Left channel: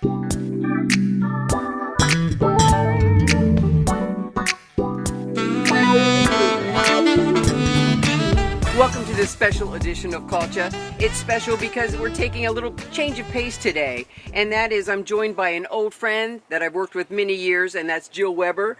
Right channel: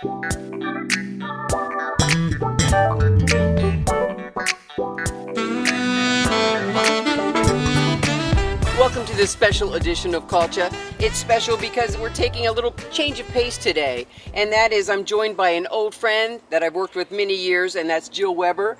Welcome to this special edition of Culture. It's special because we're taking a little change of pace today, and that is I'm joined by an old friend that I've worked with many years, and that's Jill Weber,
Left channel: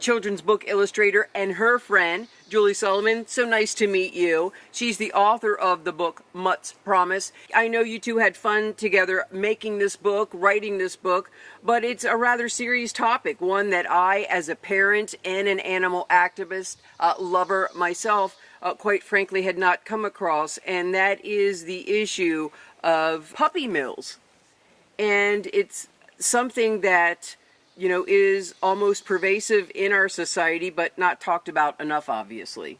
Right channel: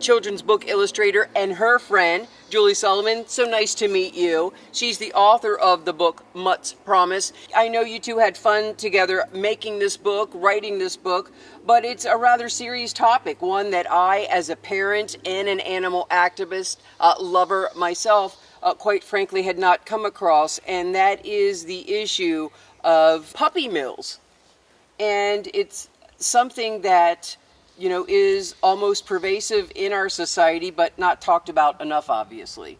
children's book illustrator, and her friend, Julie Sullivan. So nice to meet you. She's the author of the book, Mutts2. I know you two had fun together making this book, writing this book, but it's a rather serious topic, one that I, as a parent and an animal activist, lover myself, quite frankly, had not come across, and that is the issue of puppy mills. And it's something that, you know, is almost pervasive in our society, but not talked about enough, obviously.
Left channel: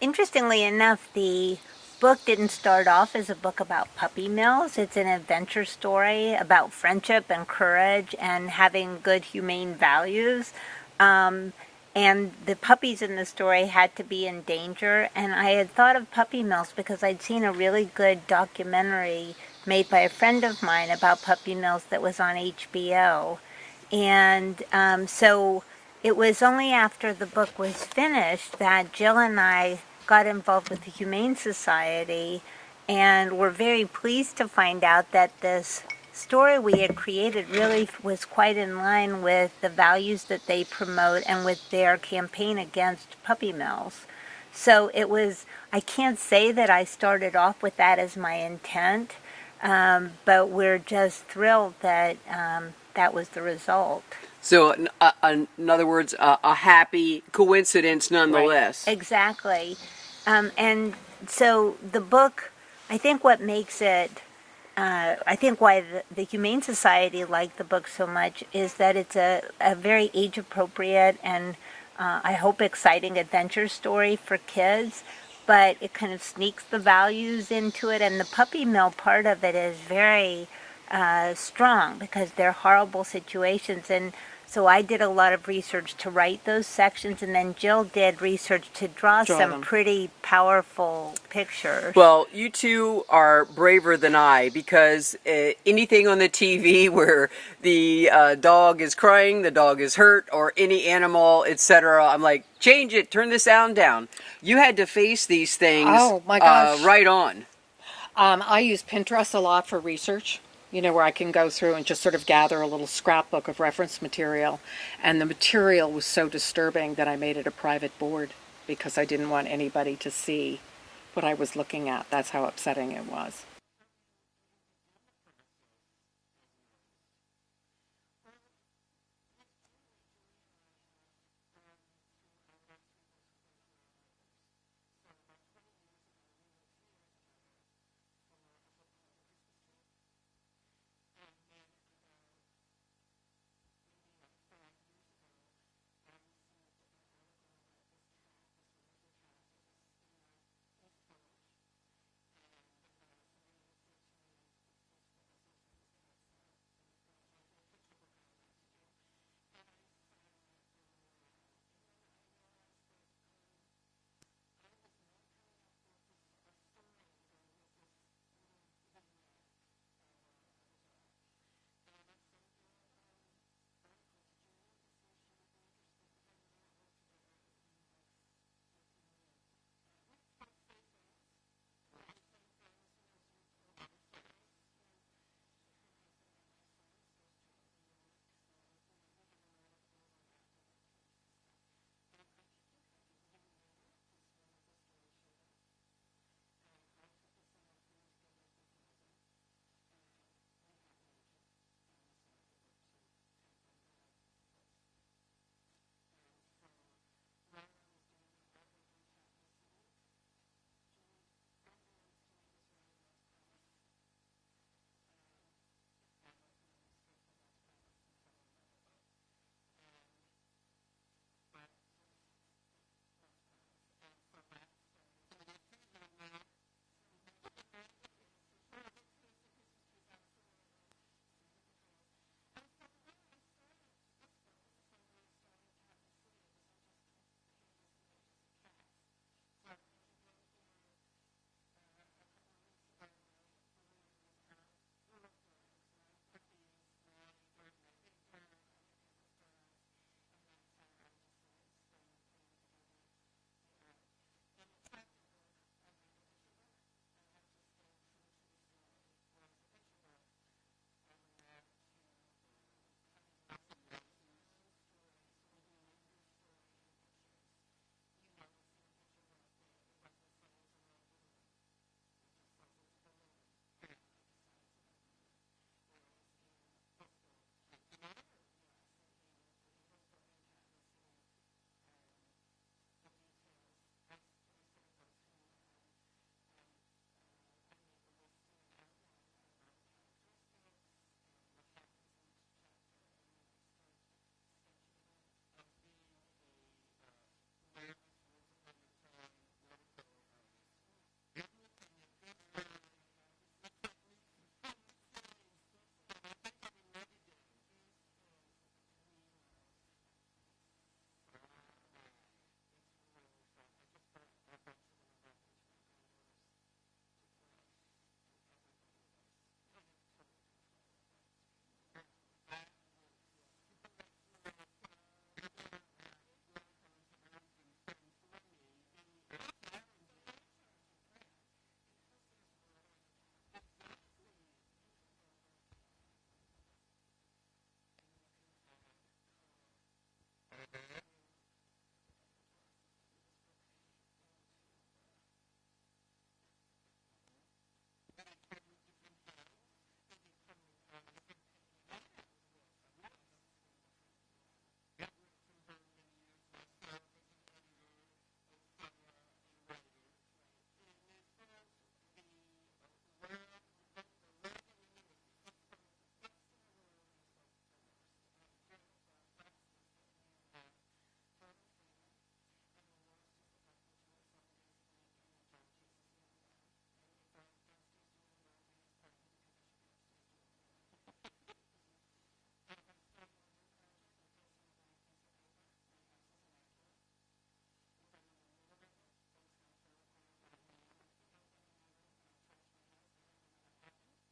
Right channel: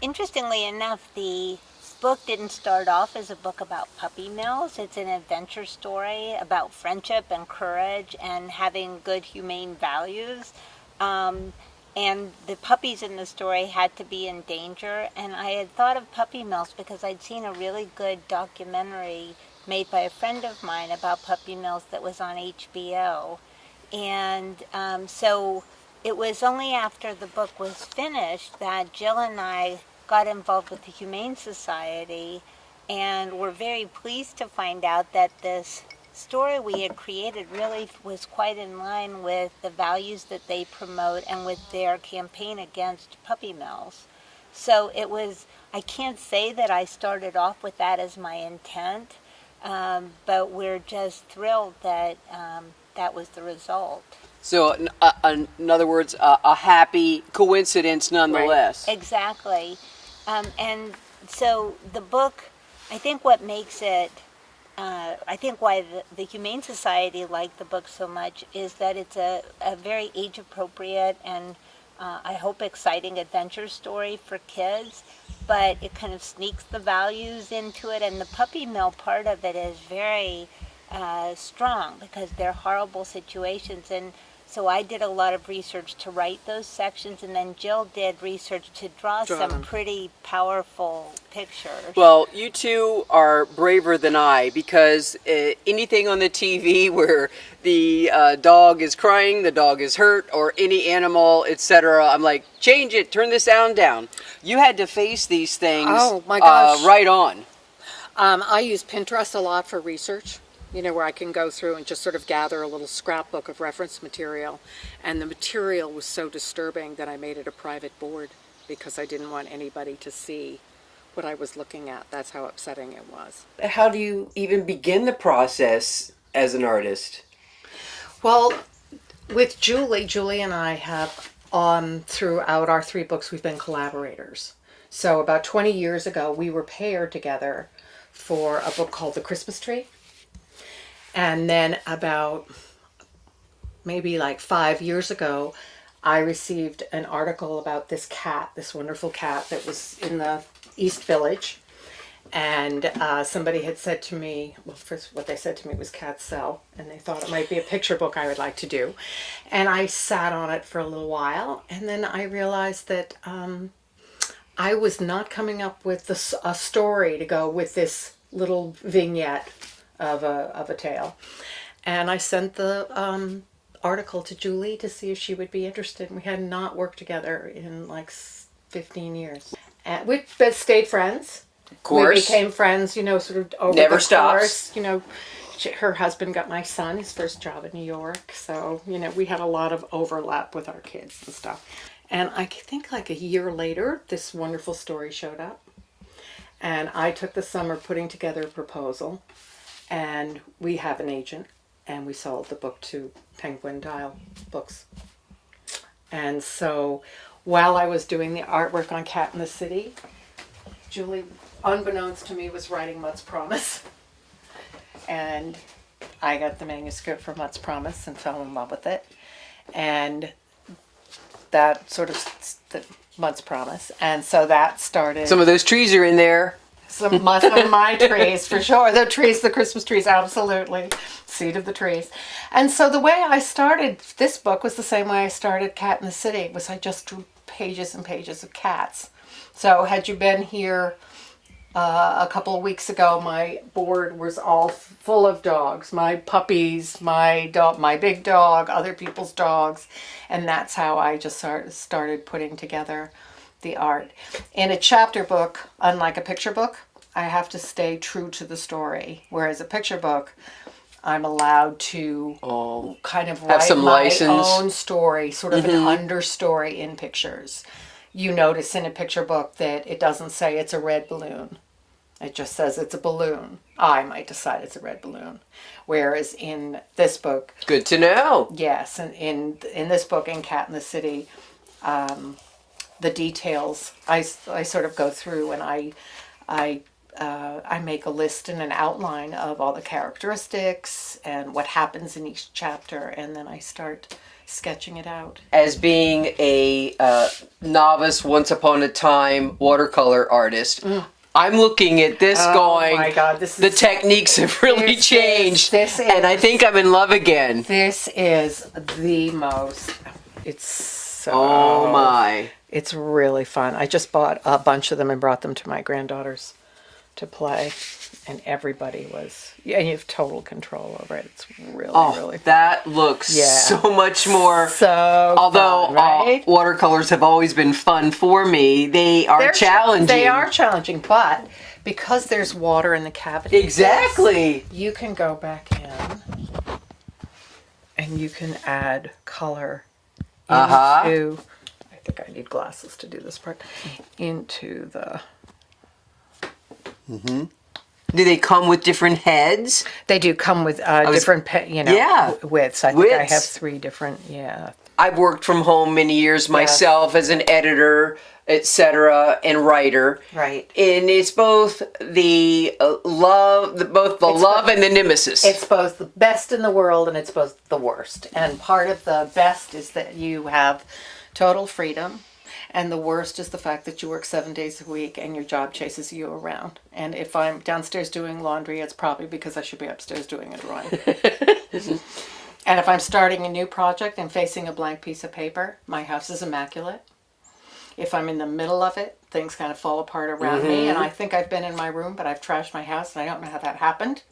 Interestingly enough, the book didn't start off as a book about puppy mills. It's an adventure story about friendship and courage and having good humane values. And the puppies in the story had to be in danger. And I had thought of puppy mills because I'd seen a really good documentary made by a friend of mine about puppy mills that was on HBO. And so it was only after the book was finished that Jill and I got involved with the Humane Society, and were very pleased to find out that this story we had created really was quite in line with the values that they promote and with their campaign against puppy mills. So it was, I can't say that I started off with that as my intent, but we're just thrilled that that was the result. So, in other words, a happy coincidence nonetheless. Right. Exactly. And so the book, I think what makes it, I think why the Humane Society liked the book so much is that it's a very age-appropriate and I hope exciting adventure story for kids, but it kind of sneaks the values into it, and the puppy mill part of it is very strong because they're horrible situations. And so I did a lot of research to write those sections, and then Jill did research to draw some them. pretty powerful pictures. Well, you two are braver than I, because anything on the TV where the dog is crying, the dog is hurt, or any animal, etc., I'm like, change it, turn the sound down. You had to face these things. Oh my gosh. Right on. I use Pinterest a lot for research, you know, where I can go through and just sort of gather a little scrapbook of reference material. And the material was so disturbing that I made it a private board because I didn't want anybody to see what I was looking at. That's how upsetting it was. How do you even begin the process as an artist? Well, with Julie and I have, throughout our 3 books, we've been collaborators. So about 20 years ago, we were paired together for a book called The Christmas Tree. And then about maybe like 5 years ago, I received an article about this cat, this wonderful cat that was in the East Village. And somebody had said to me, well, first what they said to me was cats sell, and they thought it might be a picture book I would like to do. And I sat on it for a little while, and then I realized that I was not coming up with a story to go with this little vignette of a tale. And I sent the article to Julie to see if she would be interested. We had not worked together in like 15 years. And we stayed friends. Of course. We became friends, you know, sort of over Never the stops. course. You know, her husband got my son his first job in New York. So, you know, we had a lot of overlap with our kids and stuff. And I think like a year later, this wonderful story showed up. And I took the summer putting together a proposal. And we have an agent, and we sold the book to Penguin Dial Books. And so while I was doing the artwork on Cat in the City, Julie, unbeknownst to me, was writing Mutts2. And I got the manuscript for Mutts2 and fell in love with it. And that sort of, the Mutts2. And so that started. Some of those trees are in there. Some of my trees, for sure. The trees, the Christmas trees, absolutely. Seed of the trees. And so the way I started this book was the same way I started Cat in the City. Was I just drew pages and pages of cats. So had you been here A couple of weeks ago, my board was all full of dogs. My puppies, my dog, my big dog, other people's dogs, and that's how I just started putting together the art. In a chapter book, unlike a picture book, I have to stay true to the story. Whereas a picture book, I'm allowed to kind of write some my license. own story, sort of an understory in pictures. You notice in a picture book that it doesn't say it's a red balloon. It just says it's a balloon. I might decide it's a red balloon. Whereas in this book, Good to know. yes, and in this book, in Cat in the City, the details I sort of go through and I make a list and an outline of all the characteristics and what happens in each chapter, and then I start sketching it out. As being a novice, once upon a time watercolor artist, I'm looking at this going, Oh my God, this the is techniques have really changed. And I think I'm in love again. This is the most. It's so. Oh my. It's really fun. I just bought a bunch of them and brought them to my granddaughters to play, and everybody was. Yeah, you have total control over it. It's really, really fun. That looks so much more. So Although fun, right? watercolors have always been fun for me, they are challenging. They are challenging, but because there's water in the cavity, Exactly. you can go back in and you can add color into. I think I need glasses to do this part. Into the. Do they come with different heads? They do come with different, widths. I think I have 3 different. Yeah. I've worked from home many years myself as an editor, etc., and writer. Right. And it's both the love, love and the nemesis. It's both the best in the world and it's both the worst. And part of the best is that you have total freedom. And the worst is the fact that you work 7 days a week and your job chases you around. And if I'm downstairs doing laundry, it's probably because I should be upstairs doing a drawing. And if I'm starting a new project and facing a blank piece of paper, my house is immaculate. If I'm in the middle of it, things kind of fall apart around me. And I think I've been in my room, but I've trashed my house, and I don't know how that happened.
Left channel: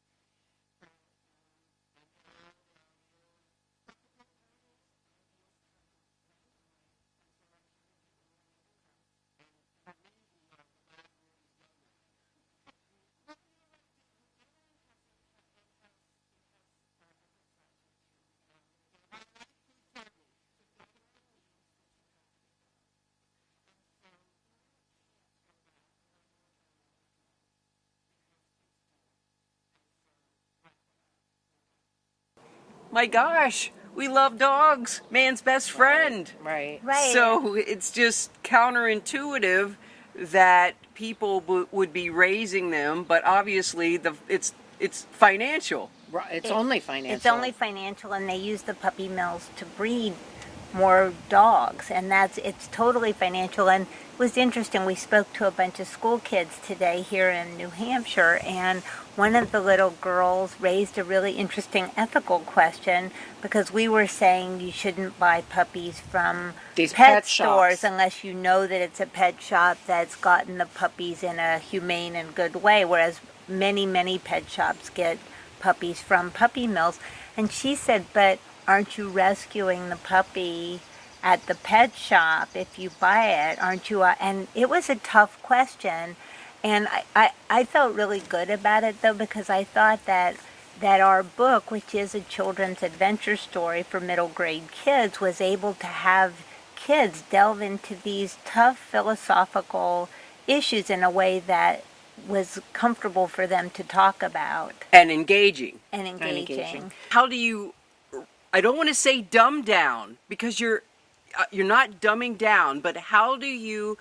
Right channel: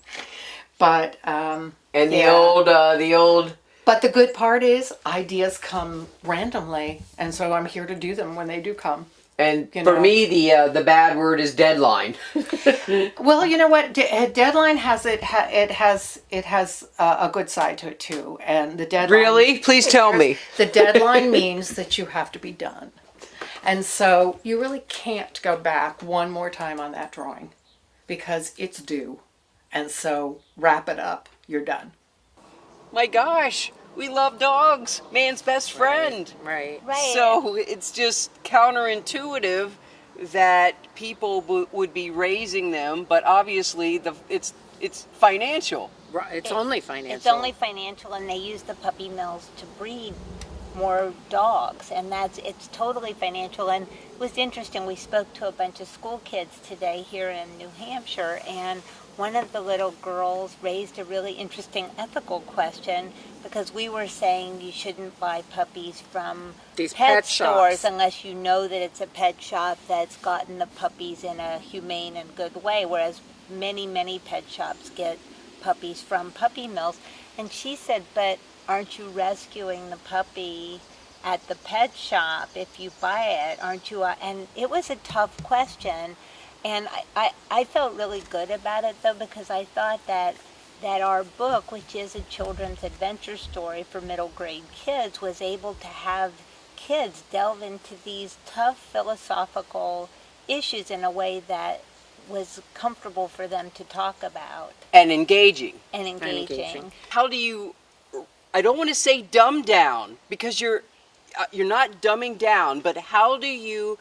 But the old. But the good part is ideas come randomly, and so I'm here to do them when they do come. And for me, the bad word is deadline. Well, you know what? Deadline has it has a good side to it too, and the deadline. Really? Please tell me. The deadline means that you have to be done, and so you really can't go back one more time on that drawing, because it's due, and so wrap it up. You're done. My gosh, we love dogs. Man's best friend. Right. So it's just counterintuitive that people would be raising them, but obviously it's financial. Right. It's only financial. It's only financial, and they use the puppy mills to breed more dogs, and it's totally financial. And it was interesting. We spoke to a bunch of school kids today here in New Hampshire, and one of the little girls raised a really interesting ethical question, because we were saying you shouldn't buy puppies from these pet stores shops unless you know that it's a pet shop that's gotten the puppies in a humane and good way, whereas many pet shops get puppies from puppy mills. And she said, but aren't you rescuing the puppy at the pet shop if you buy it? Aren't you? And it was a tough question. And I felt really good about it, though, because I thought that our book, which is a children's adventure story for middle grade kids, was able to have kids delve into these tough philosophical issues in a way that was comfortable for them to talk about. And engaging. And engaging. How do you, I don't want to say dumb down, because you're not dumbing down, but how do you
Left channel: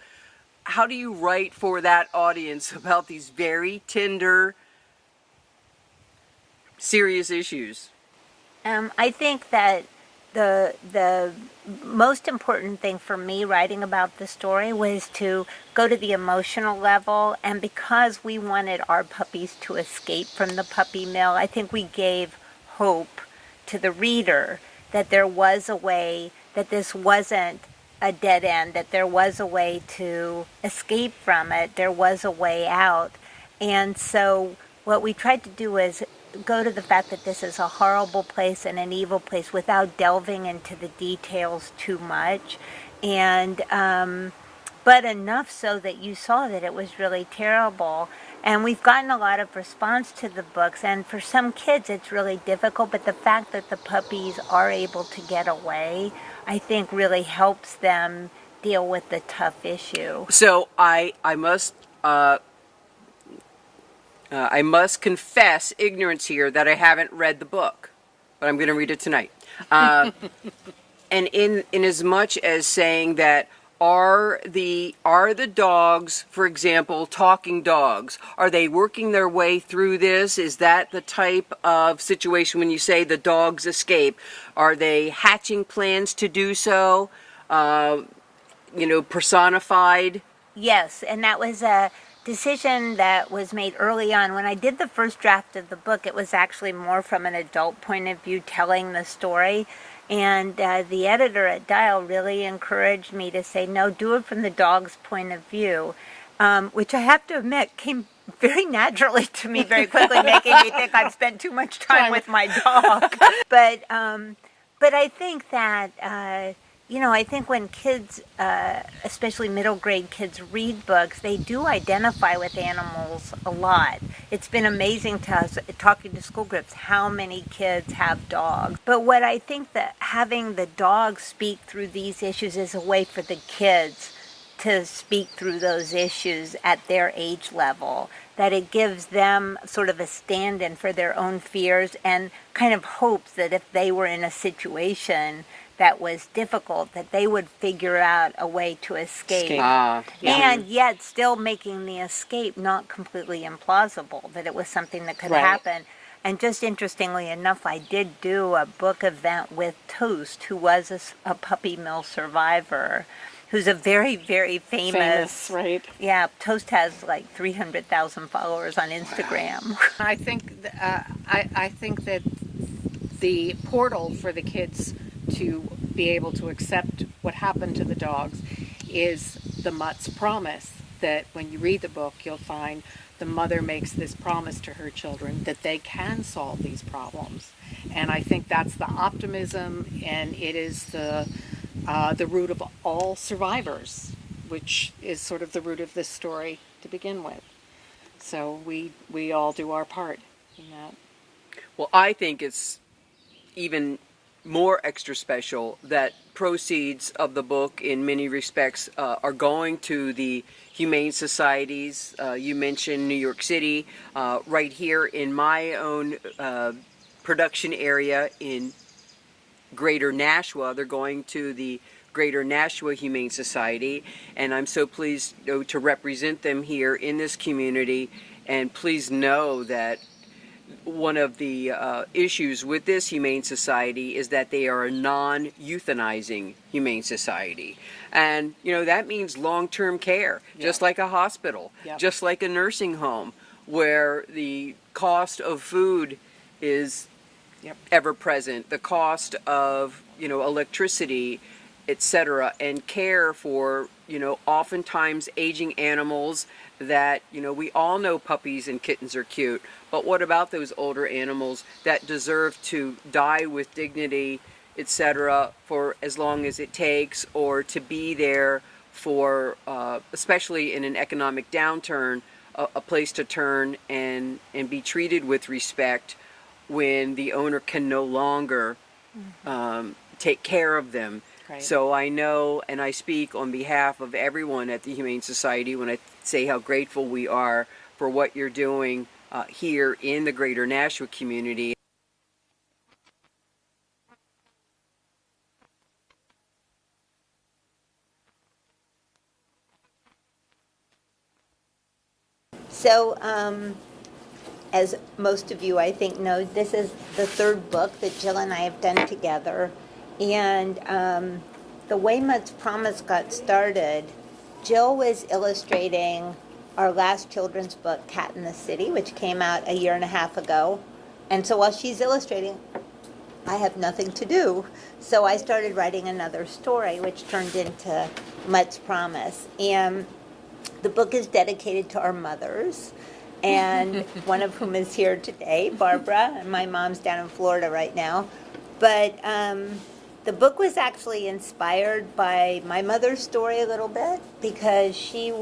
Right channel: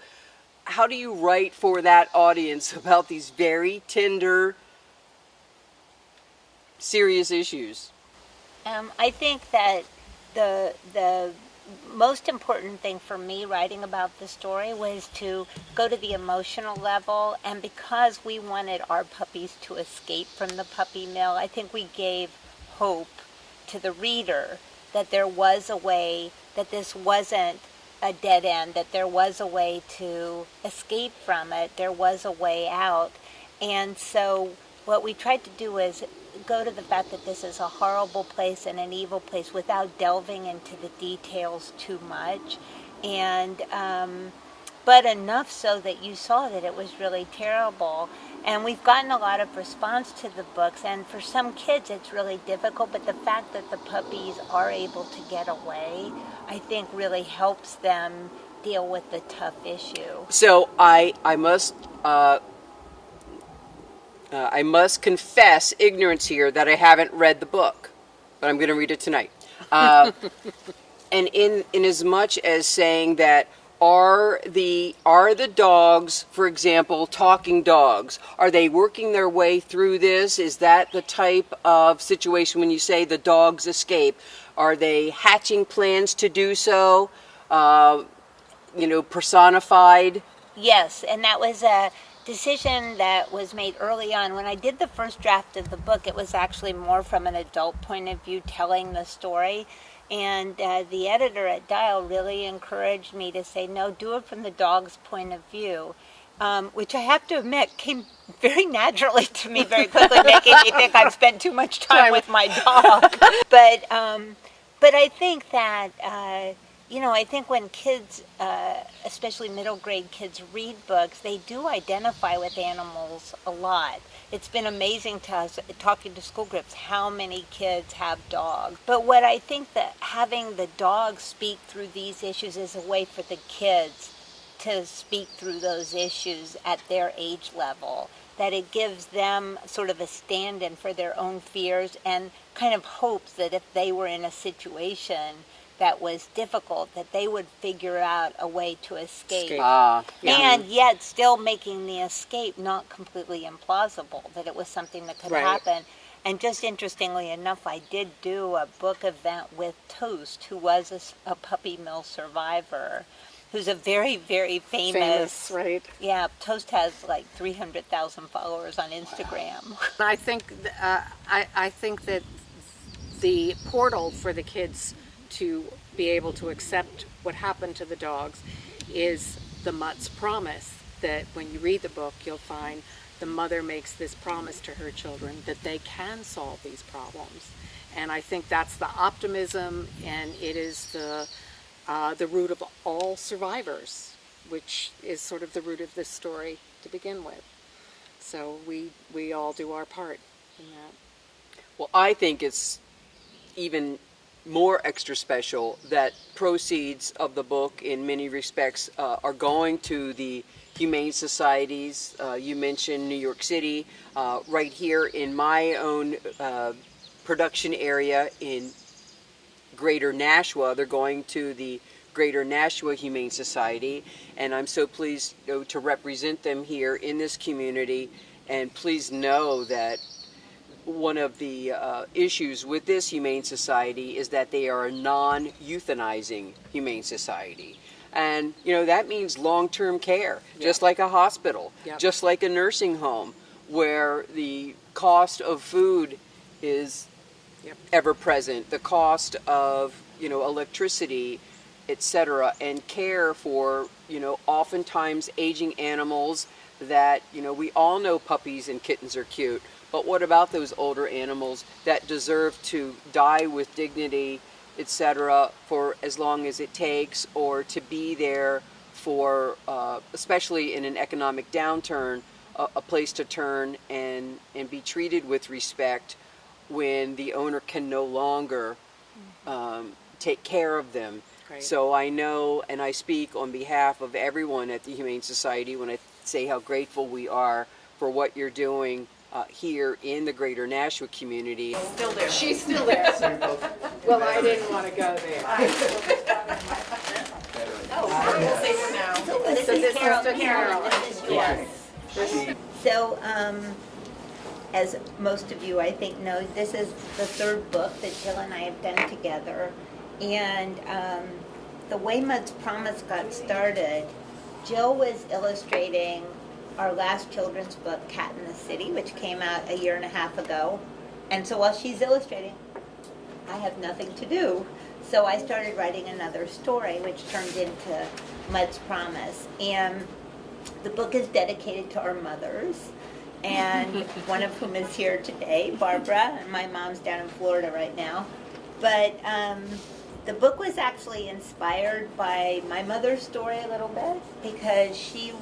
write for that audience about these very tender, serious issues? I think that the most important thing for me writing about the story was to go to the emotional level, and because we wanted our puppies to escape from the puppy mill, I think we gave hope to the reader that there was a way, that this wasn't a dead end, that there was a way to escape from it, there was a way out. And so what we tried to do is go to the fact that this is a horrible place and an evil place without delving into the details too much. And but enough so that you saw that it was really terrible. And we've gotten a lot of response to the books, and for some kids it's really difficult, but the fact that the puppies are able to get away, I think really helps them deal with the tough issue. So I must confess ignorance here that I haven't read the book, but I'm going to read it tonight. And in as much as saying that are the dogs, for example, talking dogs, are they working their way through this? Is that the type of situation when you say the dogs escape? Are they hatching plans to do so? Personified? Yes, and that was a decision that was made early on. When I did the first draft of the book, it was actually more from an adult point of view, telling the story. And the editor at Dial really encouraged me to say, no, do it from the dog's point of view, which I have to admit came very naturally to me very quickly, making me think I've spent too much time with my dog. But I think that, I think when kids, especially middle grade kids, read books, they do identify with animals a lot. It's been amazing to us, talking to school groups, how many kids have dogs. But what I think that having the dogs speak through these issues is a way for the kids to speak through those issues at their age level, that it gives them sort of a stand-in for their own fears and kind of hopes that if they were in a situation that was difficult, that they would figure out a way to escape. And yet still making the escape not completely implausible, that it was something that could happen. And just interestingly enough, I did do a book event with Toast, who was a puppy mill survivor, who's a very, very famous, right? Yeah, Toast has like 300,000 followers on Instagram. I think that the portal for the kids to be able to accept what happened to the dogs is the Mutt's promise, that when you read the book, you'll find the mother makes this promise to her children that they can solve these problems. And I think that's the optimism, and it is the root of all survivors, which is sort of the root of this story to begin with. So we all do our part in that. Well, I think it's even more extra special that proceeds of the book in many respects are going to the humane societies. You mentioned New York City. Right here in my own production area in Greater Nashua, they're going to the Greater Nashua Humane Society, and I'm so pleased to represent them here in this community. And please know that one of the issues with this humane society is that they are a non-euthanizing humane society. And, that means long-term care, just like a hospital, just like a nursing home, where the cost of food is ever present, the cost of, electricity, etc., and care for, oftentimes aging animals that, we all know puppies and kittens are cute. But what about those older animals that deserve to die with dignity, etc., for as long as it takes, or to be there for, especially in an economic downturn, a place to turn and be treated with respect when the owner can no longer take care of them. Right. So I know, and I speak on behalf of everyone at the Humane Society when I say how grateful we are for what you're doing here in the Greater Nashua community. Still there. She's still there. Well, I didn't want to go there. We'll say for now. This is Carol. This is yours. So, as most of you, I think, know, this is the third book that Jill and I have done together. And the way Mutt's Promise got started, Jill was illustrating our last children's book, Cat in the City, which came out a year and a half ago. And so while she's illustrating, I have nothing to do. So I started writing another story, which turned into Mutt's Promise. And the book is dedicated to our mothers. and one of whom is here today, Barbara, and my mom's down in Florida right now. But the book was actually inspired by my mother's story a little bit, because she's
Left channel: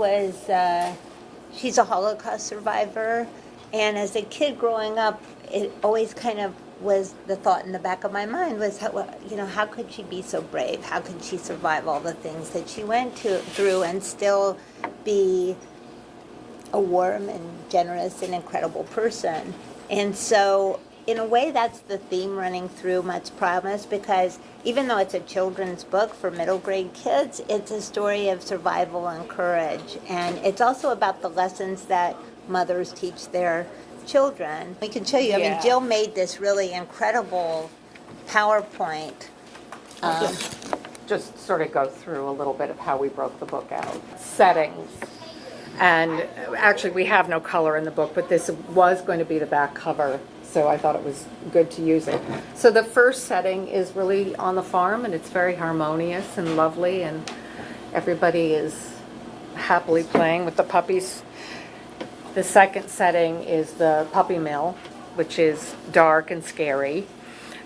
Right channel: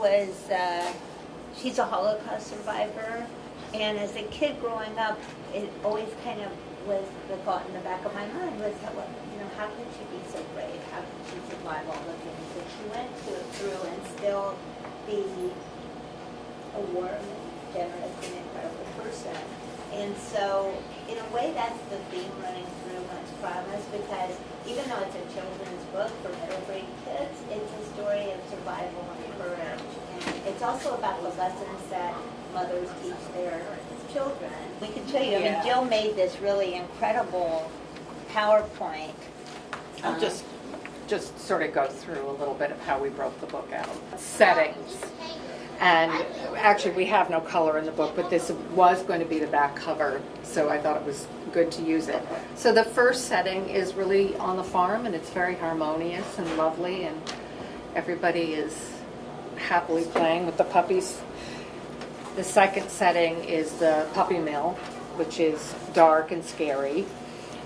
a Holocaust survivor, and as a kid growing up, it always kind of was the thought in the back of my mind was, how could she be so brave? How could she survive all the things that she went through and still be a warm and generous and incredible person? And so, in a way, that's the theme running through Mutts Promise, because even though it's a children's book for middle grade kids, it's a story of survival and courage. And it's also about the lessons that mothers teach their children. We can show you. I mean, Jill made this really incredible PowerPoint. Just sort of go through a little bit of how we broke the book out. Settings. And actually, we have no color in the book, but this was going to be the back cover, so I thought it was good to use it. So the first setting is really on the farm, and it's very harmonious and lovely, and everybody is happily playing with the puppies. The second setting is the puppy mill, which is dark and scary.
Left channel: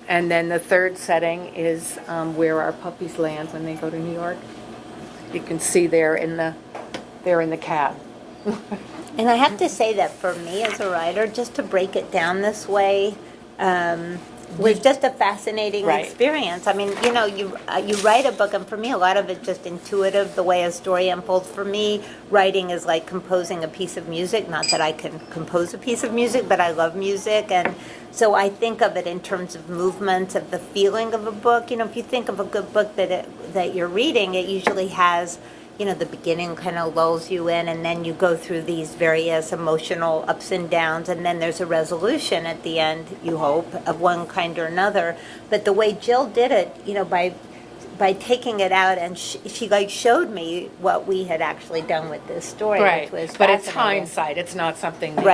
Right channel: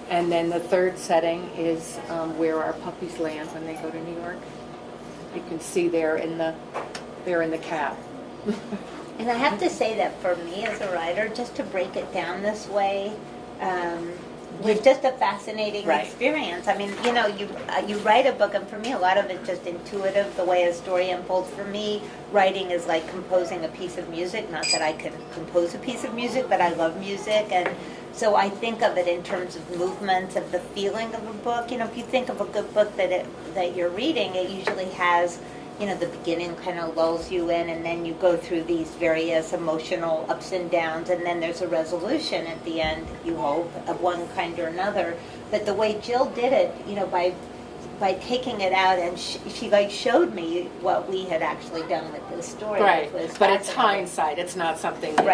And then the third setting is where our puppies land when they go to New York. You can see they're in the cab. And I have to say that for me as a writer, just to break it down this way was just a fascinating experience. I mean, you write a book, and for me, a lot of it's just intuitive, the way a story unfolds. For me, writing is like composing a piece of music. Not that I can compose a piece of music, but I love music, and so I think of it in terms of movement, of the feeling of a book. If you think of a good book that you're reading, it usually has, the beginning kind of lulls you in, and then you go through these various emotional ups and downs, and then there's a resolution at the end, you hope, of one kind or another. But the way Jill did it, by taking it out, and she showed me what we had actually done with this story. Right, which was but it's hindsight. It's not something that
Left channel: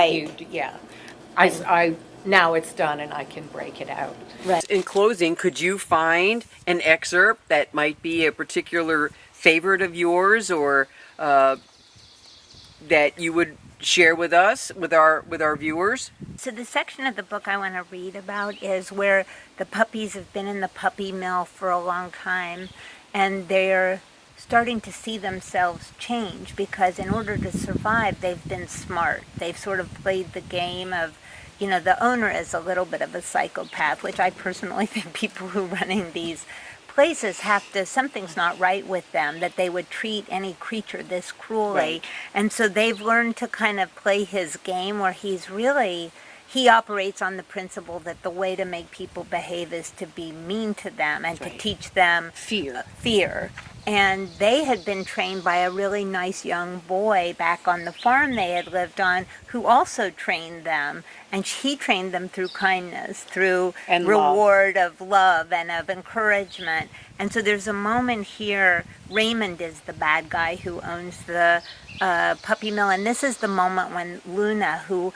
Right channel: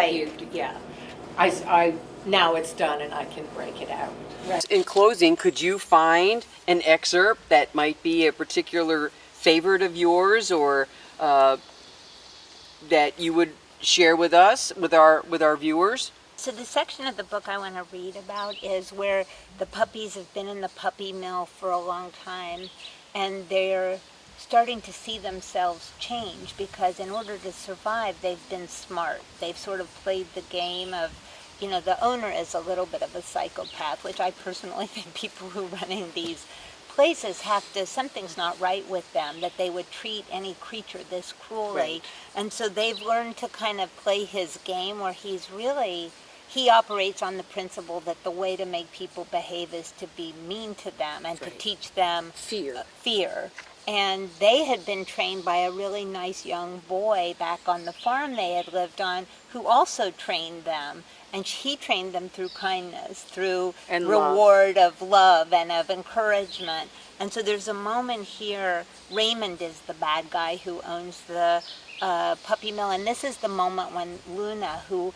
I now it's done and I can break it out. Right. In closing, could you find an excerpt that might be a particular favorite of yours, or that you would share with us, with our viewers? So the section of the book I want to read about is where the puppies have been in the puppy mill for a long time, and they're starting to see themselves change, because in order to survive, they've been smart. They've sort of played the game of, the owner is a little bit of a psychopath, which I personally think people who are running these places something's not right with them, that they would treat any creature this cruelly. Right. And so they've learned to kind of play his game, where he operates on the principle that the way to make people behave is to be mean to them and to teach them fear. And they had been trained by a really nice young boy back on the farm they had lived on, who also trained them. And he trained them through kindness, through reward of love and of encouragement. And so there's a moment here, Raymond is the bad guy who owns the puppy mill. And this is the moment when Luna, who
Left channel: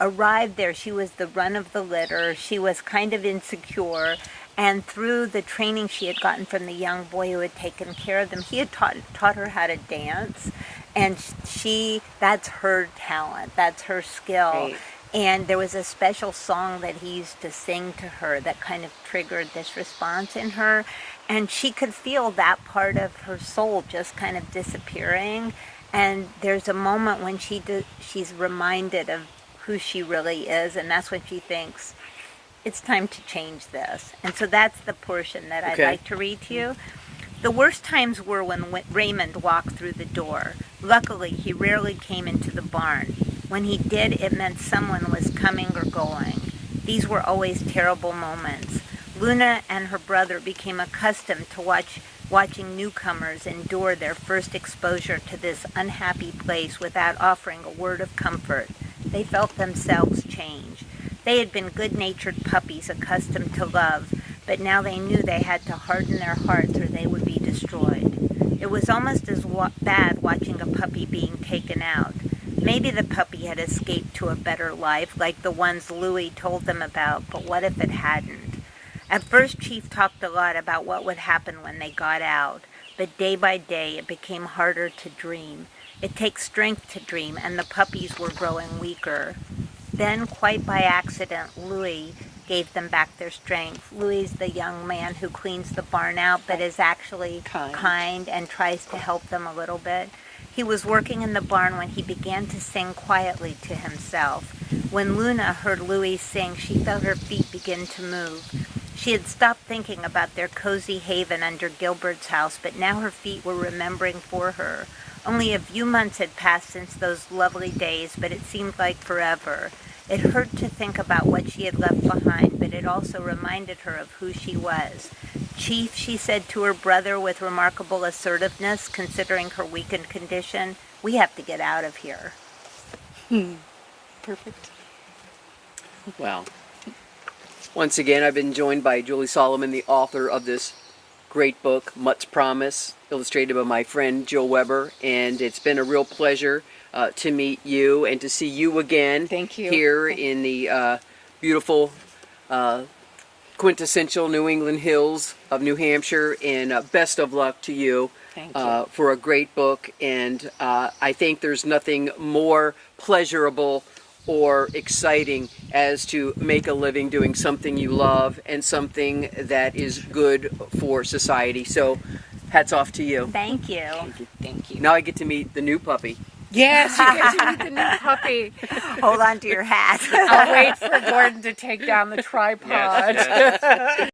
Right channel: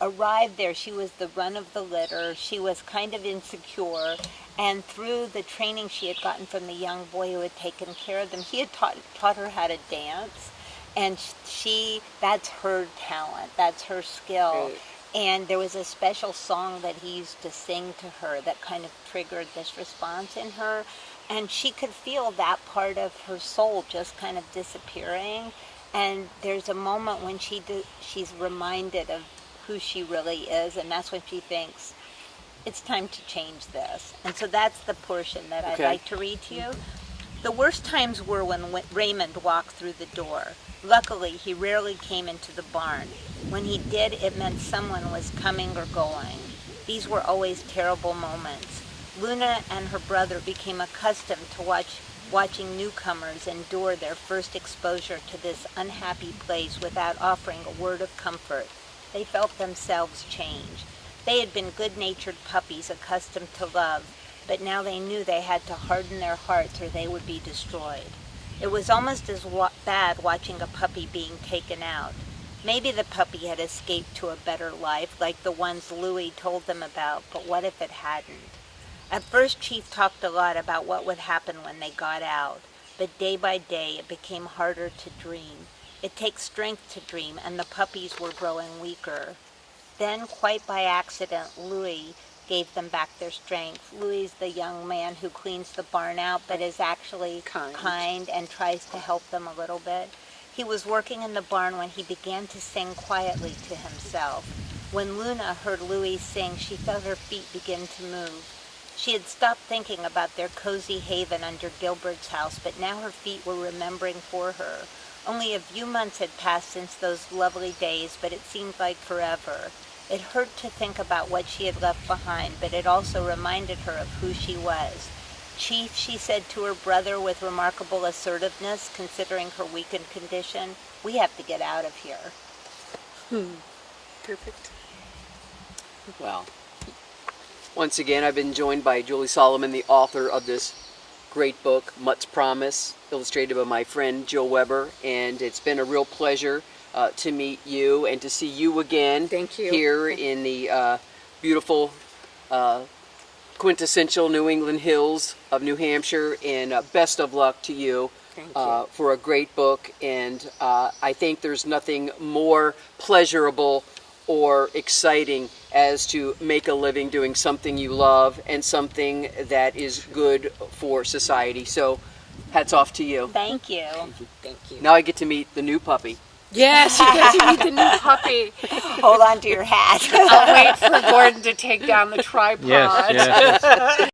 arrived there, she was the run of the litter, she was kind of insecure, and through the training she had gotten from the young boy who had taken care of them, he had taught her how to dance, and that's her talent, that's her skill. Right. And there was a special song that he used to sing to her that kind of triggered this response in her, and she could feel that part of her soul just kind of disappearing. And there's a moment when she's reminded of who she really is, and that's when she thinks, it's time to change this. And so that's the portion that I'd like to read to you. The worst times were when Raymond walked through the door. Luckily, he rarely came into the barn. When he did, it meant someone was coming or going. These were always terrible moments. Luna and her brother became accustomed to watching newcomers endure their first exposure to this unhappy place without offering a word of comfort. They felt themselves change. They had been good-natured puppies accustomed to love, but now they knew they had to harden their hearts or they would be destroyed. It was almost as bad watching a puppy being taken out. Maybe the puppy had escaped to a better life, like the ones Louie told them about, but what if it hadn't? At first, Chief talked a lot about what would happen when they got out, but day by day it became harder to dream. It takes strength to dream, and the puppies were growing weaker. Then, quite by accident, Louis gave them back their strength. Louis is the young man who cleans the barn out, but is actually kind and tries to help them a little bit. He was working in the barn when he began to sing quietly to himself. When Luna heard Louis sing, she felt her feet begin to move. She had stopped thinking about their cozy haven under Gilbert's house, but now her feet were remembering for her. Only a few months had passed since those lovely days, but it seemed like forever. It hurt to think about what she had left behind, but it also reminded her of who she was. Chief, she said to her brother with remarkable assertiveness, considering her weakened condition, we have to get out of here. Perfect. Well, once again, I've been joined by Julie Solomon, the author of this great book, Mutt's Promise, illustrated by my friend Jill Weber, and it's been a real pleasure to meet you and to see you again. Thank you. Here in the beautiful quintessential New England hills of New Hampshire, and best of luck to you. Thank you. For a great book, and I think there's nothing more pleasurable or exciting as to make a living doing something you love and something that is good for society. So hats off to you. Thank you. Thank you. Now I get to meet the new puppy. Yes, you get to meet the new puppy. Hold on to your hat. I'll wait for Gordon to take down the tripod. Yes, yes.